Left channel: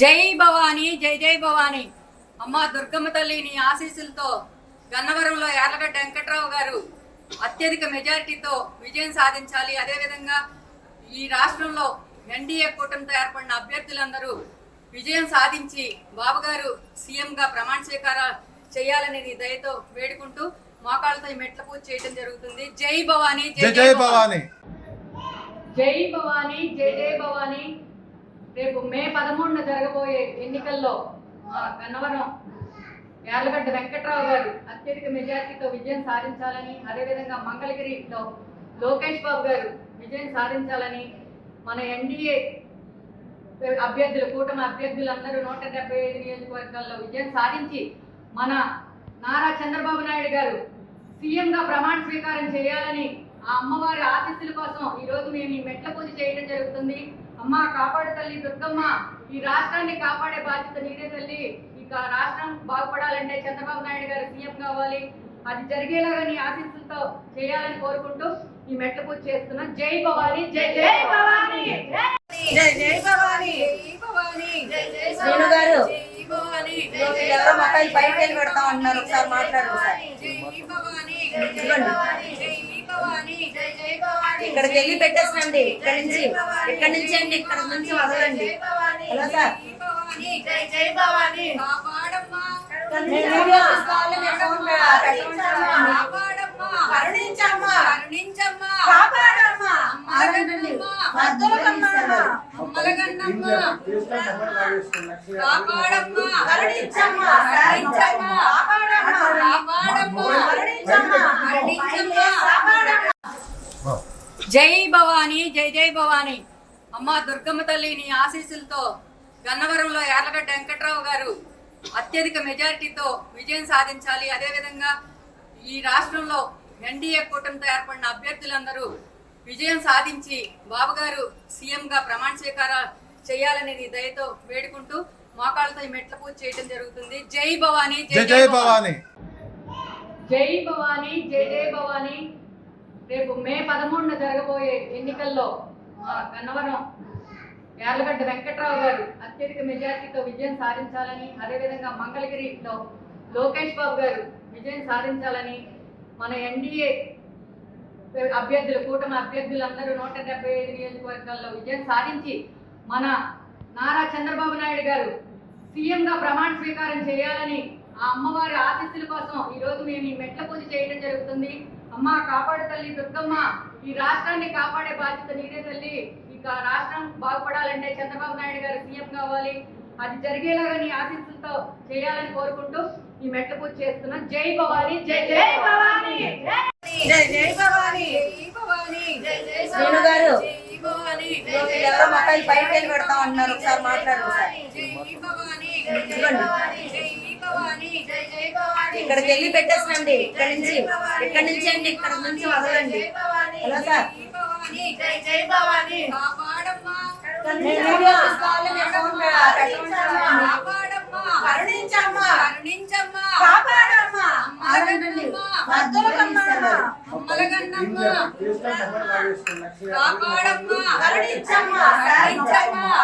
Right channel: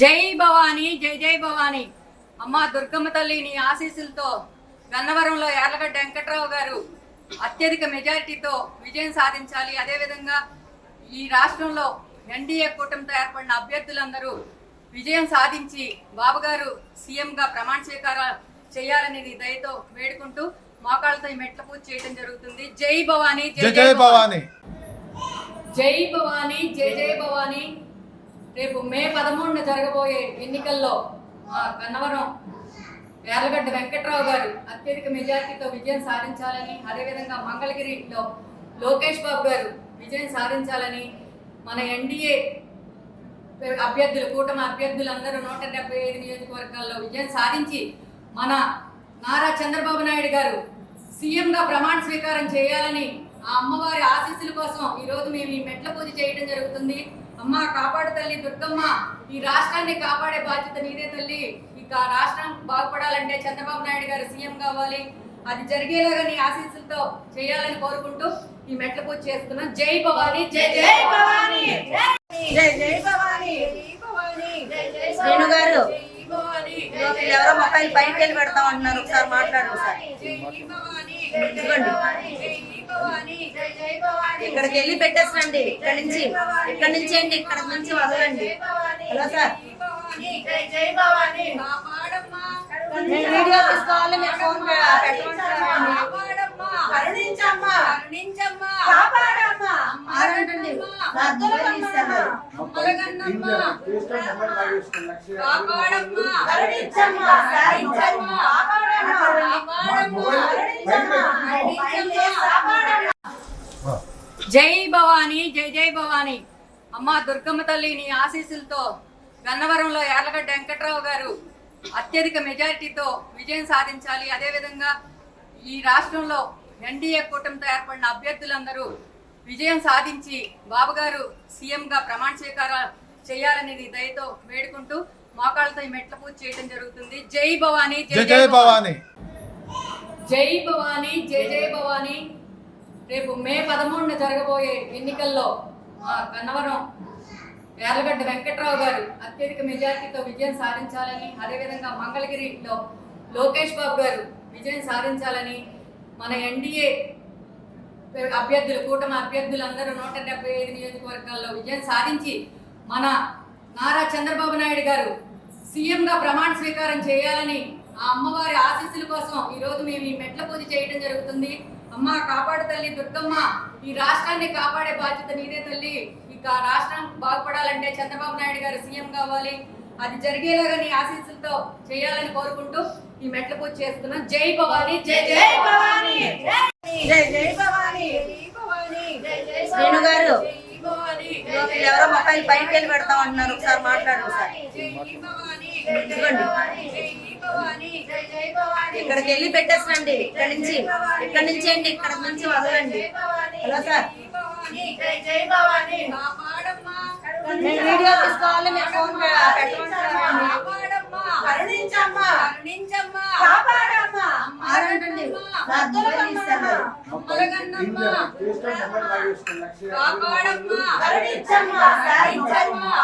జై భవానీ, జై జై భవానీ. అమ్మ దుర్గమ్మ తల్లి నీ ఆశీస్సులతో గన్నవరంలో యార్లగడ్డ వెంకట్రావు గారు అత్యధిక మెజారిటీతో విజయం సాధించాలి. అదేవిధంగా ఈ రాష్ట్రంలో ఎన్డీఏ కూటమితో ఏర్పడిన అభ్యర్థులందరూ విజయం సాధించి బాబు గారు సీఎంగా ప్రమాణ స్వీకారం చేయాలని దయతో వేడుకుంటూ మోకాళ్ళతో ఈ మెట్ల పూజ చేయడం జరుగుతుంది. జై భవానీ, జై జై భవానీ. జై భవానీ, జై జై భవానీ. రేపు మే 13న జరగబోయే ఎన్నికల్లో గన్నవరం యార్లగడ్డ వెంకట్రావు గారు అత్యధిక మెజార్టీతో విజయం సాధించాలని, అదేవిధంగా మంగళగిరిలో లోకేష్ బాబు గారు విజయం సాధించాలని, మన ఎన్డీఏ అభ్యర్థులు కూటమి అభ్యర్థులందరూ 175 నియోజకవర్గాల్లో విజయం సాధించి మన నారా చంద్రబాబు నాయుడు గారు సీఎంగా ప్రమాణ స్వీకారం చేయాలని ఆ అమ్మవారి ఆశీస్సుల కోసం ఈరోజు మేము ఈ మెట్ల పూజ చేయడం జరుగుతుంది. అమ్మ కాపాడు తల్లి దుర్గమ్మ, ఈ రాష్ట్రాన్ని కాపాడే బాధ్యత నీదే తల్లి. ఇక రాష్ట్రం బాగుపడాలంటే చంద్రబాబు నాయుడు గారు సీఎం కావాలి. అది జరిగేలాగా నీ ఆశీస్సులతో చేయాలని కోరుకుంటూ ఈ మెట్ల పూజ చేస్తున్నాం. జై భవానీ, జై జై భవానీ, జై జై భవానీ, జై భవానీ, జై జై శ్రీను గారు భవానీ. ఎవరో మొబైల్ బయటకు వెళ్ళి పెడతా ఉంటున్నారు, ఒకసారి మాట్లాడు. ఇక్కడికి వెళ్ళి పెట్టేసండి, ఇక్కడి నుంచి అండి, ఇక్కడ నుంచి వదలండి. హలో సార్, వీడియో తీసుకోవాలి, మేము ఫోన్ జై భవానీ, జై జై భవానీ. అమ్మ దుర్గమ్మ తల్లి నీ ఆశీస్సులతో గన్నవరంలో యార్లగడ్డ వెంకట్రావు గారు అత్యధిక మెజారిటీతో విజయం సాధించాలి. అదేవిధంగా ఈ రాష్ట్రంలో ఎన్డీఏ కూటమితో ఏర్పడిన అభ్యర్థులందరూ విజయం సాధించి బాబు గారు సీఎంగా ప్రమాణ స్వీకారం చేయాలని దయతో వేడుకుంటూ మోకాళ్ళతో ఈ మెట్ల పూజ చేయడం జరుగుతుంది. జై భవానీ, జై జై భవానీ. జై భవానీ, జై జై భవానీ. రేపు మే 13న జరగబోయే ఎన్నికల్లో గన్నవరం యార్లగడ్డ వెంకట్రావు గారు అత్యధిక మెజార్టీతో విజయం సాధించాలని, అదేవిధంగా మంగళగిరిలో లోకేష్ బాబు గారు విజయం సాధించాలని, మన ఎన్డీఏ అభ్యర్థులు కూటమి అభ్యర్థులందరూ 175 నియోజకవర్గాల్లో విజయం సాధించి మన నారా చంద్రబాబు నాయుడు గారు సీఎంగా ప్రమాణ స్వీకారం చేయాలని ఆ అమ్మవారి ఆశీస్సుల కోసం ఈరోజు మేము ఈ మెట్ల పూజ చేయడం జరుగుతుంది. అమ్మ కాపాడు తల్లి దుర్గమ్మ, ఈ రాష్ట్రాన్ని కాపాడే బాధ్యత నీదే తల్లి. ఇక రాష్ట్రం బాగుపడాలంటే చంద్రబాబు నాయుడు గారు సీఎం కావాలి. అది జరిగేలాగా నీ ఆశీస్సులతో చేయాలని కోరుకుంటూ ఈ మెట్ల పూజ చేస్తున్నాం. జై భవానీ, జై జై భవానీ, జై జై భవానీ, జై భవానీ, జై జై శ్రీను గారు భవానీ. ఎవరో మొబైల్ బయటకు వెళ్ళి పెడతా ఉంటున్నారు, ఒకసారి మాట్లాడు. ఇక్కడికి వెళ్ళి పెట్టేసండి, ఇక్కడి నుంచి అండి, ఇక్కడ నుంచి వదలండి. హలో సార్, వీడియో తీసుకోవాలి, మేము ఫోన్ కాపాడమ్మా